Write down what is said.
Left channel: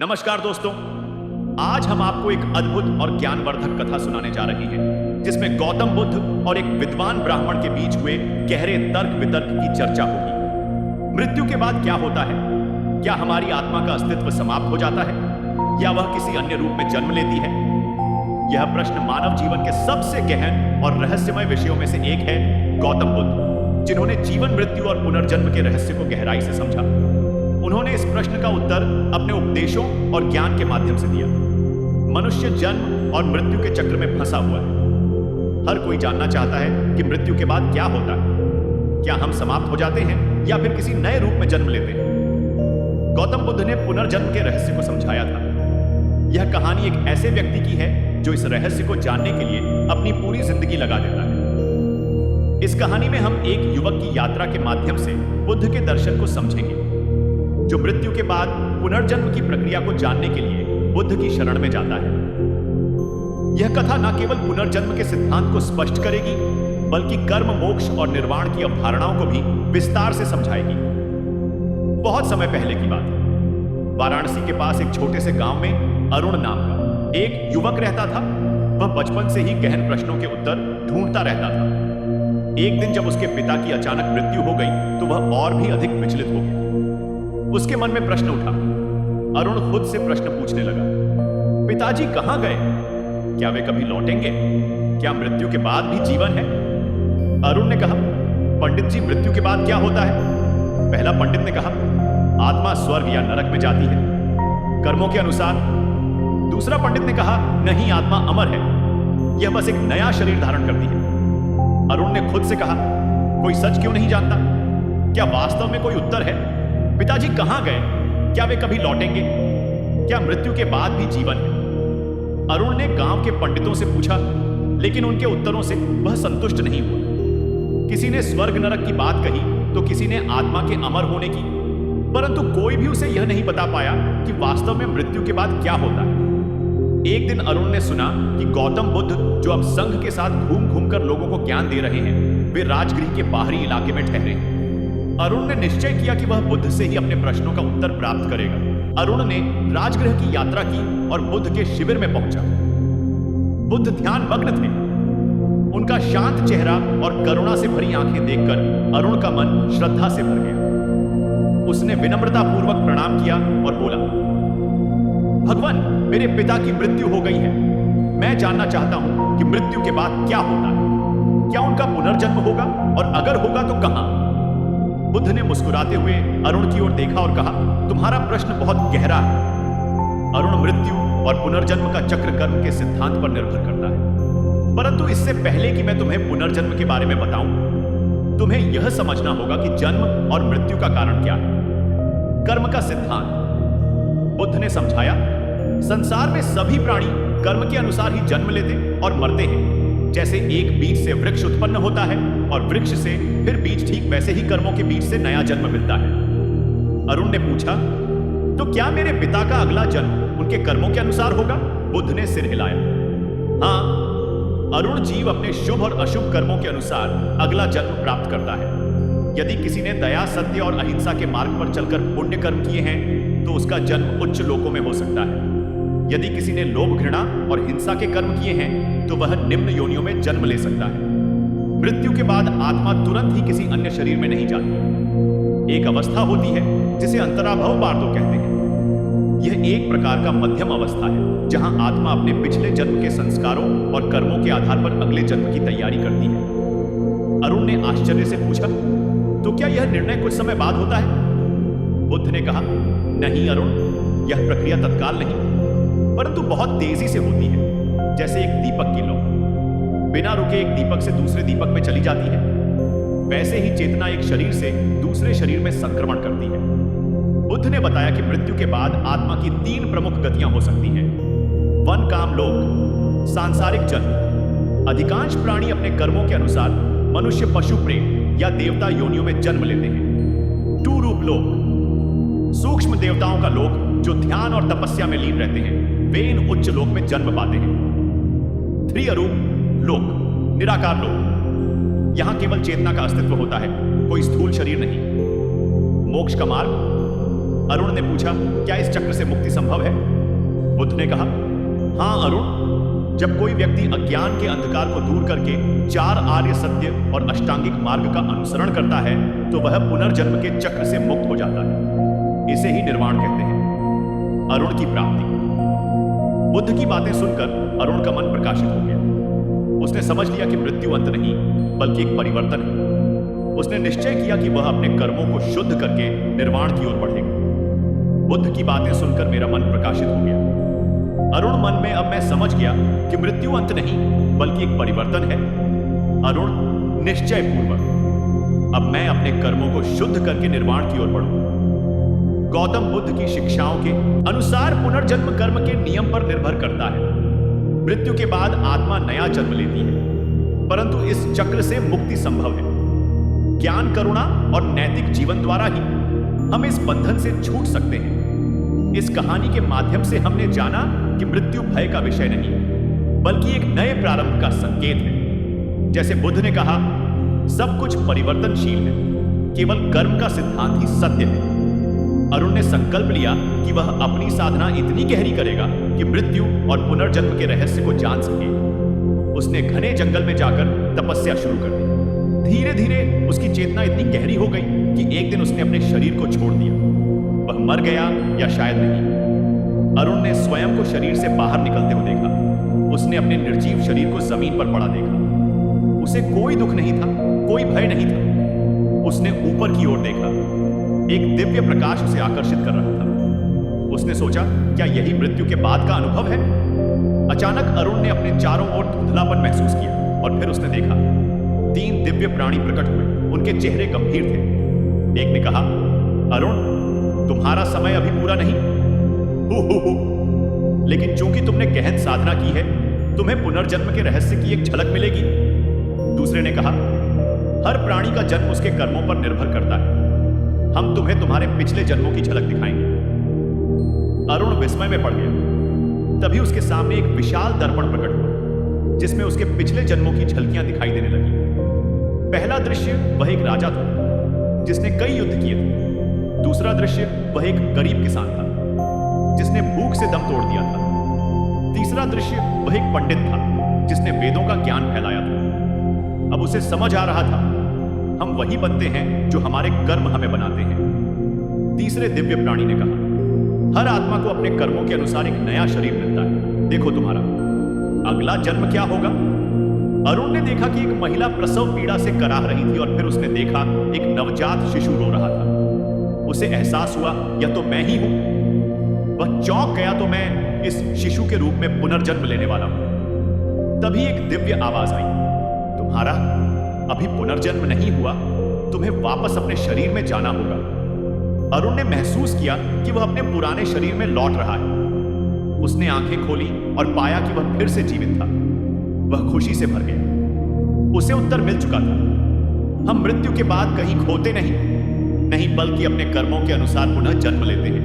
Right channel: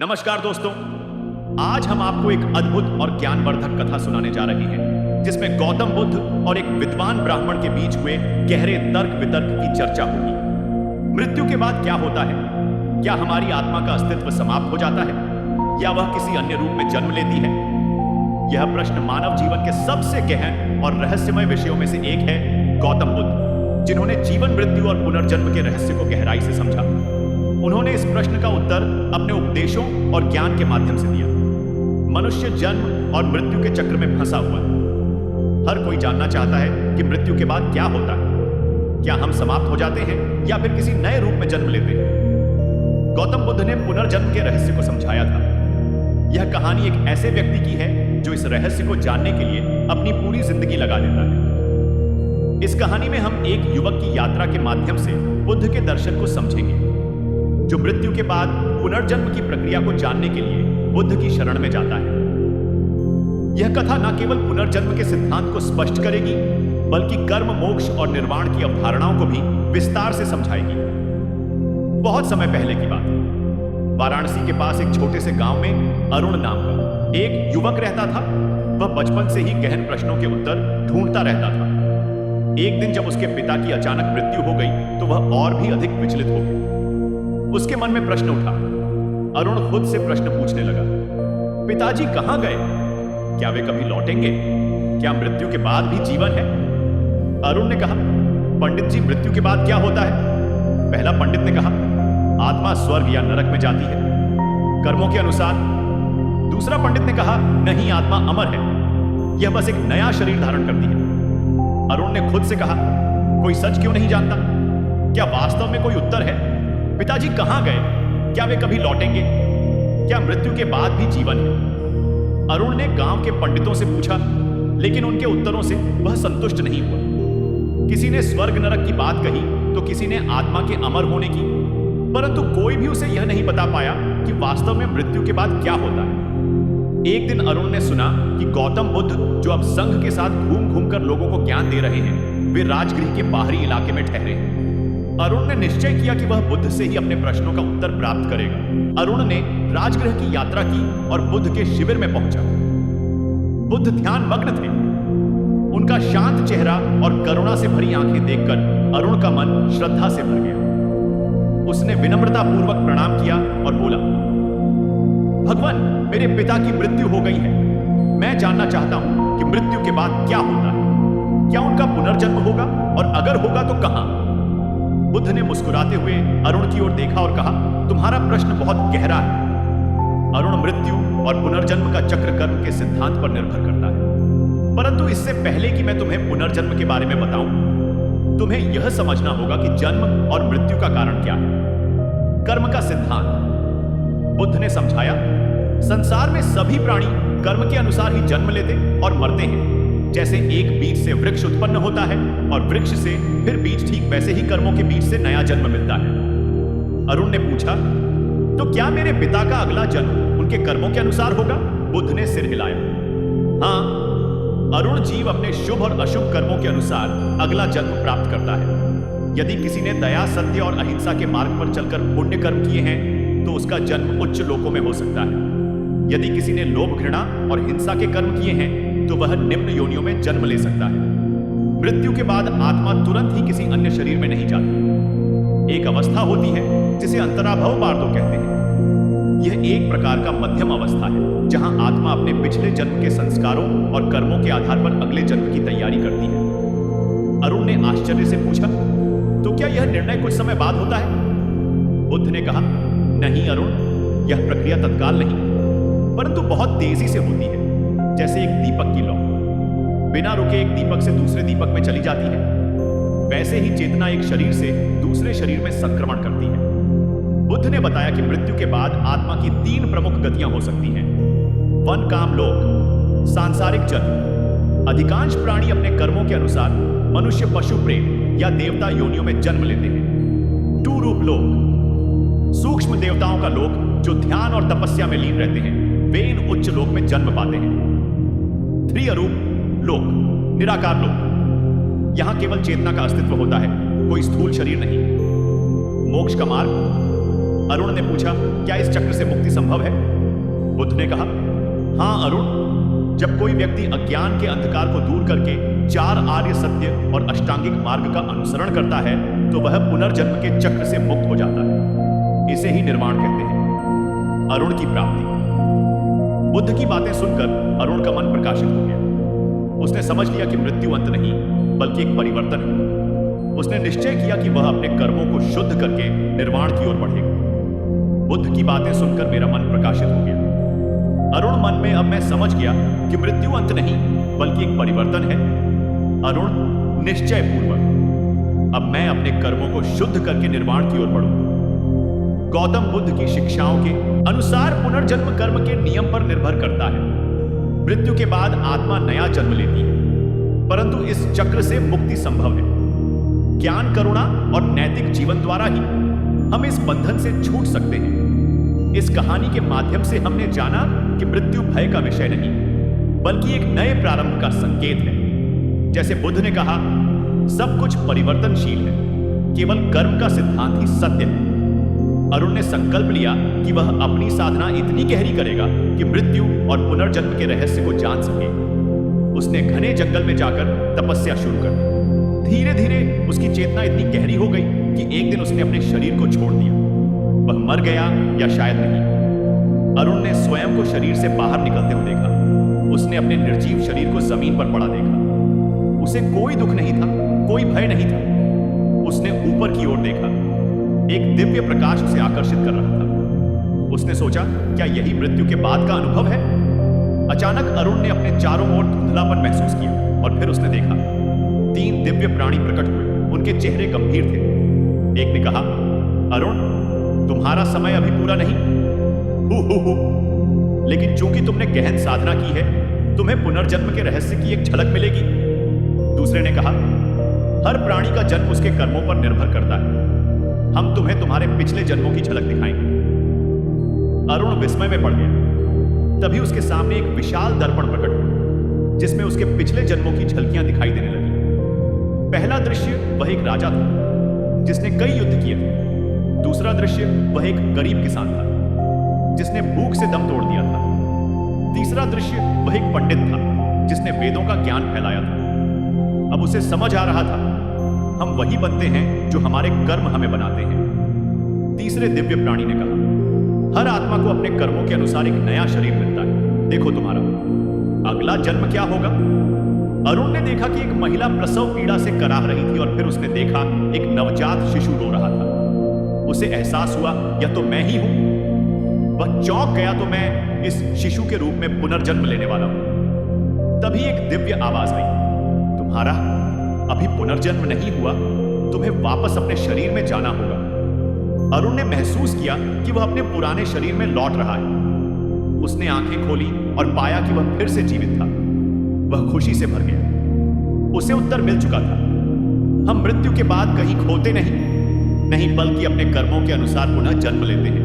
नमस्कार दोस्तों। आज हम आपको एक अद्भुत और ज्ञानवर्धक कथा सुनाने जा रहे हैं जिसमें गौतम बुद्ध और एक विद्वान ब्राह्मण के बीच हुए गहरे तर्क वितर्क की चर्चा होगी। मृत्यु के बाद क्या होता है? क्या हमारी आत्मा का अस्तित्व समाप्त हो जाता है या वह किसी अन्य रूप में जन्म लेती है? यह प्रश्न मानव जीवन के सबसे गहन और रहस्यमय विषयों में से एक है। गौतम बुद्ध, जिन्होंने जीवन, मृत्यु और पुनर्जन्म के रहस्य को गहराई से समझा, उन्होंने इस प्रश्न का उत्तर अपने उपदेशों और ज्ञान के माध्यम से दिया। मनुष्य जन्म और मृत्यु के चक्र में फंसा हुआ है। हर कोई जानना चाहता है कि मृत्यु के बाद क्या होता है। क्या हम समाप्त हो जाते हैं या फिर किसी नए रूप में जन्म लेते हैं? गौतम बुद्ध ने पुनर्जन्म के रहस्य को समझाया था। यह कहानी एक ऐसे व्यक्ति की है जो इस रहस्य को जानने के लिए अपनी पूरी जिंदगी लगा देता है। इस कहानी में हम एक युवक की यात्रा के माध्यम से बुद्ध के दर्शन को समझेंगे, जो मृत्यु के बाद पुनर्जन्म की प्रक्रिया को जानने के लिए बुद्ध की शरण में जाता है। यह कथा न केवल पुनर्जन्म के सिद्धांत को स्पष्ट करेगी, बल्कि कर्म, मोक्ष और निर्वाण की अवधारणाओं को भी विस्तार से समझाएगी। बहुत समय पहले की बात है। वाराणसी के पास एक छोटे से गांव में अरुण नाम का एक युवक रहता था। वह बचपन से ही गहन प्रश्नों के उत्तर ढूंढता रहता था। एक दिन जब उसके पिता की अचानक मृत्यु हो गई तो वह और भी अधिक विचलित हो गया। उसके मन में प्रश्न उठा। अरुण खुद से प्रश्न पूछने लगा, पिताजी कहां गए? क्या वे कभी लौटेंगे? क्या मृत्यु के बाद भी जीवन है? अरुण ने कहा, पंडित जी, मृत्यु के बाद क्या होता है? पहला पंडित ने कहा, आत्मा स्वर्ग या नरक में जाती है, कर्मों के अनुसार। दूसरा पंडित ने कहा, नहीं, आत्मा अमर है, यह बस एक नया शरीर धारण करती है। अरुण ने खुद से कहा, कोई सच क्यों नहीं जानता? क्या वास्तव में कोई उत्तर है? पिताजी कहां गए? क्या वे कभी लौटेंगे? क्या मृत्यु के बाद भी जीवन है? अरुण ने गांव के पंडितों से पूछा, लेकिन उनके उत्तरों से वह संतुष्ट नहीं हुआ। किसी ने स्वर्ग नरक की बात कही तो किसी ने आत्मा के अमर होने की, परंतु कोई भी उसे यह नहीं बता पाया कि वास्तव में मृत्यु के बाद क्या होता है। एक दिन अरुण ने सुना कि गौतम बुद्ध, जो अब संघ के साथ घूम घूम कर लोगों को ज्ञान दे रहे हैं, वे राजगृह के बाहरी इलाके में ठहरे हैं। अरुण ने निश्चय किया कि वह बुद्ध से ही अपने प्रश्नों का उत्तर प्राप्त करेगा। अरुण ने राजगृह की यात्रा की और बुद्ध के शिविर में पहुंचा। बुद्ध ध्यान मग्न थे। उनका शांत चेहरा और करुणा से भरी आंखें देखकर अरुण का मन श्रद्धा से भर गया। उसने विनम्रता पूर्वक प्रणाम किया और बोला, भगवान, मेरे पिता की मृत्यु हो गई है। मैं जानना चाहता हूं कि मृत्यु के बाद क्या होता है। क्या उनका पुनर्जन्म होगा, और अगर होगा तो कहां? बुद्ध ने मुस्कुराते हुए अरुण की ओर देखा और कहा, तुम्हारा प्रश्न बहुत गहरा है। अरुण, मृत्यु और पुनर्जन्म का चक्र कर्म के सिद्धांत पर निर्भर करता है, परंतु इससे पहले कि मैं तुम्हें पुनर्जन्म के बारे में बताऊं, तुम्हें यह समझना होगा कि जन्म और मृत्यु का कारण क्या है। कर्म का सिद्धांत। बुद्ध ने समझाया, संसार में सभी प्राणी कर्म के अनुसार ही जन्म लेते और मरते हैं। जैसे एक बीज से वृक्ष उत्पन्न होता है और वृक्ष से फिर बीज, ठीक वैसे ही कर्मों के बीज से नया जन्म मिलता है। अरुण ने पूछा, तो क्या मेरे पिता का अगला जन्म उनके कर्मों के अनुसार होगा? बुद्ध ने सिर हिलाया। हां, अरुण, जीव अपने शुभ और अशुभ कर्मों के अनुसार अगला जन्म प्राप्त करता है। यदि किसी ने दया, सत्य और अहिंसा के मार्ग पर चलकर पुण्य कर्म किए हैं तो उसका जन्म उच्च लोकों में हो सकता है। यदि किसी ने लोभ, घृणा और हिंसा के कर्म किए हैं तो वह निम्न योनियों में जन्म ले सकता है। मृत्यु के बाद आत्मा तुरंत ही किसी अन्य शरीर में नहीं जाती। एक अवस्था होती है जिसे अंतराभव बार्दो कहते हैं। यह एक प्रकार का मध्यम अवस्था है जहां आत्मा अपने पिछले जन्म के संस्कारों और कर्मों के आधार पर अगले जन्म की तैयारी करती है। अरुण ने आश्चर्य से पूछा, तो क्या यह निर्णय कुछ समय बाद होता है? बुद्ध ने कहा, नहीं अरुण, यह प्रक्रिया तत्काल नहीं, परंतु बहुत तेजी से होती है, जैसे एक दीपक की लौ बिना रुके एक दीपक से दूसरे दीपक में चली जाती है, वैसे ही चेतना एक शरीर से दूसरे शरीर में संक्रमण करती है। बुद्ध ने बताया कि मृत्यु के बाद आत्मा की 3 प्रमुख गतियां हो सकती हैं। वन, काम, लोक, सांसारिक जन्म। अधिकांश प्राणी अपने कर्मों के अनुसार मनुष्य, पशु, प्रेत या देवता योनियों में जन्म लेते हैं। 2 रूप लोक। सूक्ष्म देवताओं का लोक, जो ध्यान और तपस्या में लीन रहते हैं, वे इन उच्च लोक में जन्म पाते हैं। 3 अरूप लोक, निराकार लोक। यहां केवल चेतना का अस्तित्व होता है, कोई स्थूल शरीर नहीं। मोक्ष का मार्ग। अरुण ने पूछा, क्या इस चक्र से मुक्ति संभव है? बुद्ध ने कहा, हां अरुण, जब कोई व्यक्ति अज्ञान के अंधकार को दूर करके 4 आर्य सत्य और अष्टांगिक मार्ग का अनुसरण करता है तो वह पुनर्जन्म के चक्र से मुक्त हो जाता है। इसे ही निर्वाण कहते हैं, अरुण की प्राप्ति। बुद्ध की बातें सुनकर अरुण का मन प्रकाशित हो गया। उसने समझ लिया कि मृत्यु अंत नहीं बल्कि एक परिवर्तन है। उसने निश्चय किया कि वह अपने कर्मों को शुद्ध करके निर्वाण की ओर बढ़ेगा। बुद्ध की बातें सुनकर मेरा मन प्रकाशित हो गया। अरुण, मन में अब मैं समझ गया कि मृत्यु अंत नहीं बल्कि एक परिवर्तन है। अरुण, निश्चय पूर्वक अब मैं अपने कर्मों को शुद्ध करके निर्वाण की ओर बढ़ूंगा। गौतम बुद्ध की शिक्षाओं के अनुसार पुनर्जन्म कर्म के नियम पर निर्भर करता है। मृत्यु के बाद आत्मा नया जन्म लेती है, परंतु इस चक्र से मुक्ति संभव है। ज्ञान, करुणा और नैतिक जीवन द्वारा ही हम इस बंधन से छूट सकते हैं। इस कहानी के माध्यम से हमने जाना कि मृत्यु भय का विषय नहीं बल्कि एक नए प्रारंभ का संकेत है। जैसे बुद्ध ने कहा, सब कुछ परिवर्तनशील है, केवल कर्म का सिद्धांत ही सत्य है। अरुण ने संकल्प लिया कि वह अपनी साधना इतनी गहरी करेगा कि मृत्यु और पुनर्जन्म के रहस्य को जान सके। उसने घने जंगल में जाकर तपस्या शुरू कर दी। धीरे धीरे उसकी चेतना इतनी गहरी हो गई कि एक दिन उसने अपने शरीर को छोड़ दिया। वह मर गया या शायद नहीं। अरुण ने स्वयं को शरीर से बाहर निकलते हुए देखा। उसने अपने निर्जीव शरीर को जमीन पर पड़ा देखा। उसे कोई दुख नहीं था, कोई भय नहीं था। उसने ऊपर की ओर देखा। एक दिव्य प्रकाश उसे आकर्षित कर रहा था। उसने सोचा, क्या यही मृत्यु के बाद का अनुभव है? अचानक अरुण ने अपने चारों ओर धुंधलापन महसूस किया और फिर उसने देखा 3 दिव्य प्राणी प्रकट हुए। उनके चेहरे गंभीर थे। एक ने कहा, अरुण, तुम्हारा समय अभी पूरा नहीं। हु। लेकिन चूंकि तुमने गहन साधना की है, तुम्हें पुनर्जन्म के रहस्य की एक झलक मिलेगी। दूसरे ने कहा, हर प्राणी का जन्म उसके कर्मों पर निर्भर करता है। हम तुम्हें तुम्हारे पिछले जन्मों की झलक दिखाएंगे। अरुण विस्मय में पड़ गया। तभी उसके सामने एक विशाल दर्पण प्रकट हुआ जिसमें उसके पिछले जन्मों की झलकियां दिखाई देने लगी। पहला दृश्य, वह एक राजा था जिसने कई युद्ध किए थे। दूसरा दृश्य, वह एक गरीब किसान था जिसने भूख से दम तोड़ दिया था। तीसरा दृश्य, वह एक पंडित था जिसने वेदों का ज्ञान फैलाया था। अब उसे समझ आ रहा था, हम वही बनते हैं जो हमारे कर्म हमें बनाते हैं। तीसरे दिव्य प्राणी ने कहा, हर आत्मा को अपने कर्मों के अनुसार एक नया शरीर मिलता है। देखो तुम्हारा अगला जन्म क्या होगा। अरुण ने देखा कि एक महिला प्रसव पीड़ा से कराह रही थी और फिर उसने देखा एक नवजात शिशु रो रहा था। उसे एहसास हुआ, यह तो मैं ही हूं। वह चौंक गया, तो मैं इस शिशु के रूप में पुनर्जन्म लेने वाला हूं। तभी एक दिव्य आवाज आई, तुम्हारा अभी पुनर्जन्म नहीं हुआ, तुम्हें वापस अपने शरीर में जाना होगा। अरुण ने महसूस किया कि वह अपने पुराने शरीर में लौट रहा है। उसने आंखें खोली और पाया कि वह फिर से जीवित था। वह खुशी से भर गया। उसे उत्तर मिल चुका था। हम मृत्यु के बाद कहीं खोते नहीं बल्कि अपने कर्मों के अनुसार पुनः जन्म लेते हैं।